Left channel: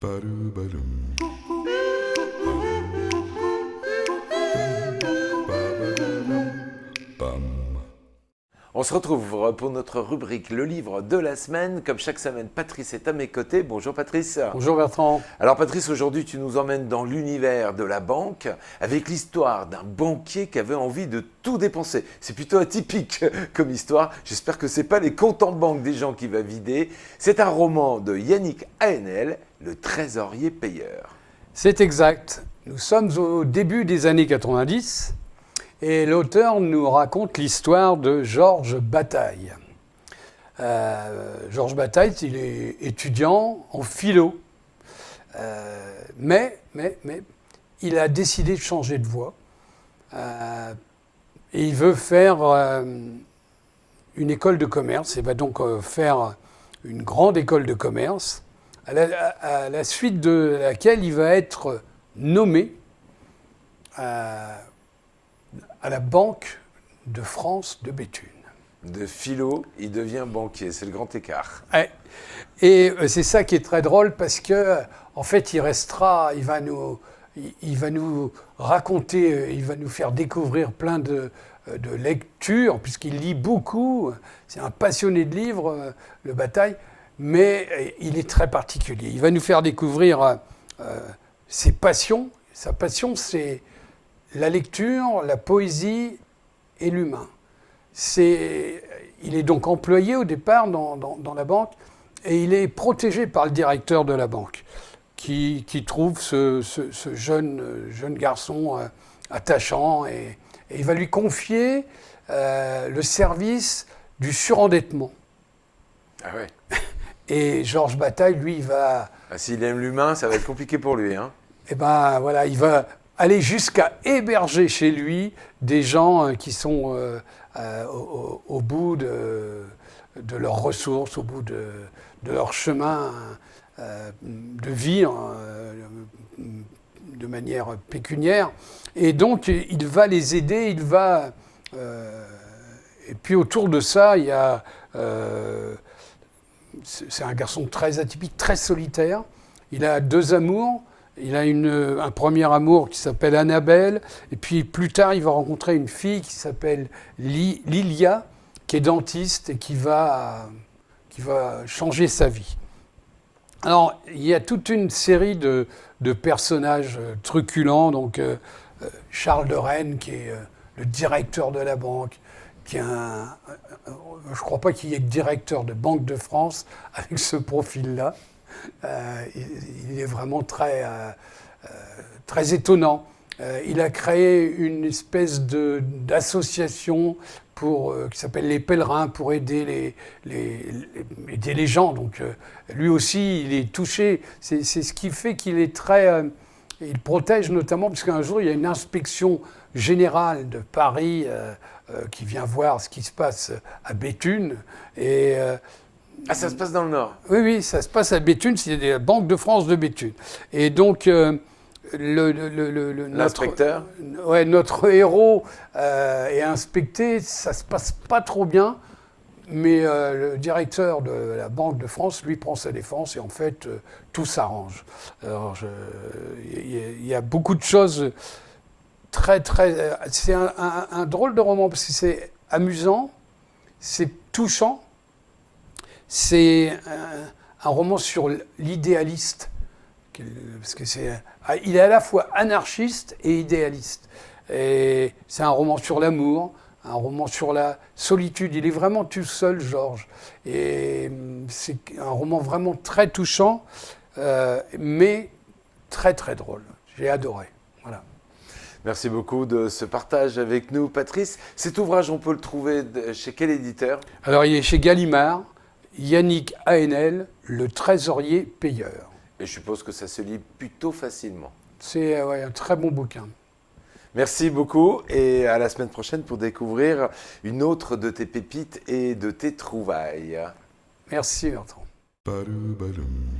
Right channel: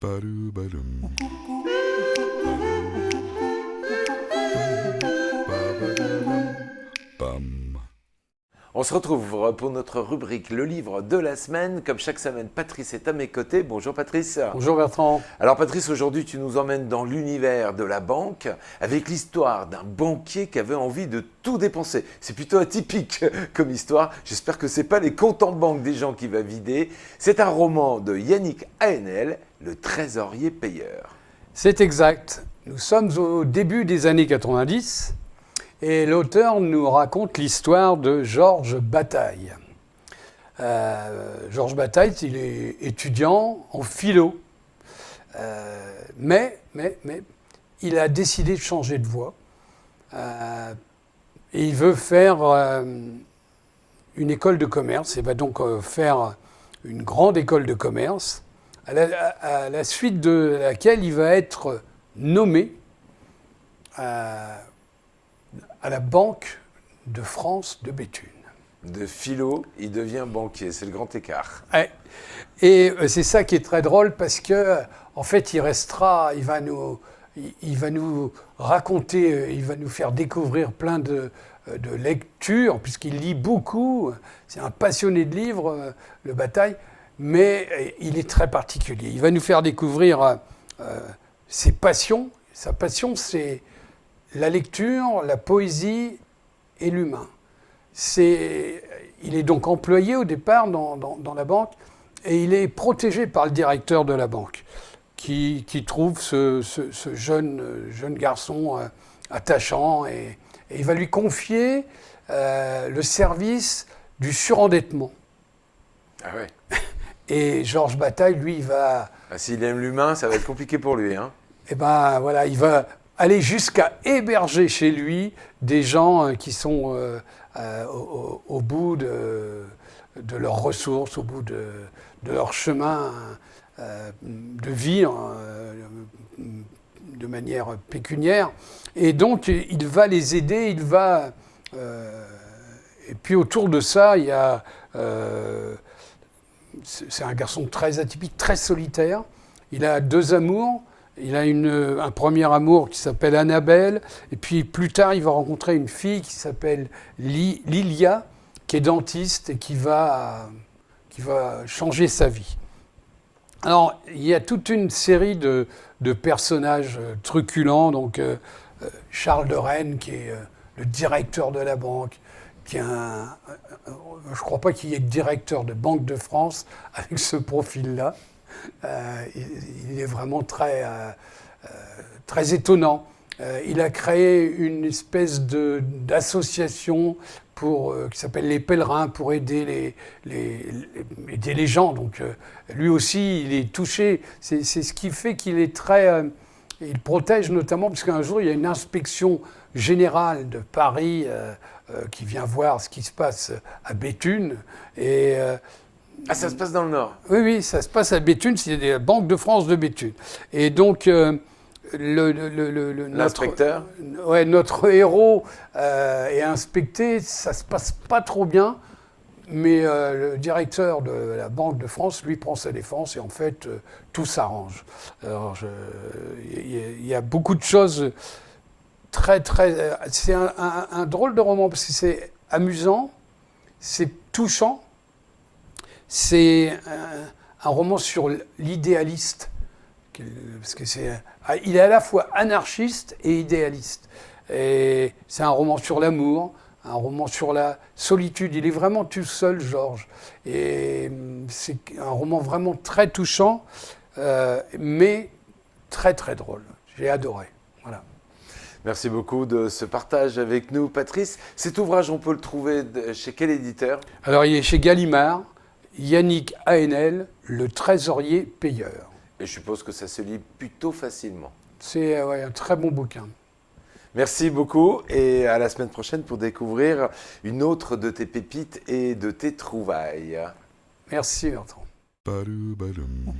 Ba-do-ba-dum. Bam. On se retrouve pour notre rubrique Le livre de la semaine. Comme chaque semaine, Patrice est à mes côtés. Bonjour Patrice. Bonjour Bertrand. Alors Patrice, aujourd'hui tu nous emmènes dans l'univers de la banque avec l'histoire d'un banquier qui avait envie de tout dépenser. C'est plutôt atypique comme histoire. J'espère que c'est pas les comptes en banque des gens qui va vider. C'est un roman de Yannick Haenel, Le trésorier payeur. C'est exact. Nous sommes au début des années 90 et l'auteur nous raconte l'histoire de Georges Bataille. Georges Bataille, il est étudiant en philo. Mais il a décidé de changer de voie. Et il veut faire une école de commerce. Il va donc faire une grande école de commerce, à la suite de laquelle il va être nommé à la Banque de France de Béthune. De philo, il devient banquier. C'est le grand écart. Ouais. Et c'est ça qui est très drôle parce que, en fait, il va nous raconter, il va nous faire découvrir plein de lectures, puisqu'il lit beaucoup. C'est un passionné de livres, le Bataille, mais il est très particulier. Il va nous faire découvrir ses passions. Sa passion, c'est la lecture, la poésie et l'humain. Il est donc employé au départ dans la banque et il est protégé par le directeur de la banque qui trouve ce jeune garçon attachant et il va lui confier le service du surendettement. Ah ouais. Et Georges Bataille, lui, il va... S'il aime l'humain, ça va être compliqué pour lui, hein. Eh ben voilà, il va aller jusqu'à héberger chez lui des gens qui sont au bout de leurs ressources, au bout de leur chemin de vie de manière pécuniaire. Et donc, il va les aider, et puis autour de ça, il y a... c'est un garçon très atypique, très solitaire. Il a deux amours. Il a un premier amour qui s'appelle Annabelle, et puis plus tard, il va rencontrer une fille qui s'appelle Lilia, qui est dentiste et qui va changer sa vie. Alors, il y a toute une série de personnages truculents, donc Charles de Rennes, qui est le directeur de la banque, qui est je ne crois pas qu'il y ait directeur de Banque de France avec ce profil-là. Il est vraiment très étonnant. Il a créé une espèce d'association qui s'appelle les Pèlerins pour aider les gens. Donc lui aussi, il est touché. C'est ce qui fait qu'il est très... il protège notamment, parce qu'un jour, il y a une inspection générale de Paris qui vient voir ce qui se passe à Béthune. Et... ça se passe dans le Nord. Oui, ça se passe à Béthune, c'est la Banque de France de Béthune. Et donc, l'inspecteur notre héros est inspecté, ça se passe pas trop bien, mais le directeur de la Banque de France, lui, prend sa défense et en fait, tout s'arrange. Alors, il y a beaucoup de choses très... c'est un drôle de roman, parce que c'est amusant, c'est touchant. C'est un roman sur l'idéaliste, parce que il est à la fois anarchiste et idéaliste. Et c'est un roman sur l'amour, un roman sur la solitude. Il est vraiment tout seul, Georges. Et c'est un roman vraiment très touchant, mais très très drôle. J'ai adoré. Voilà. Merci beaucoup de ce partage avec nous, Patrice. Cet ouvrage, on peut le trouver chez quel éditeur ? Alors, il est chez Gallimard. Yannick Haenel, Le trésorier payeur. Et je suppose que ça se lit plutôt facilement. C'est un très bon bouquin. Merci beaucoup et à la semaine prochaine pour découvrir une autre de tes pépites et de tes trouvailles. Merci Bertrand. Ba-do-ba-dum.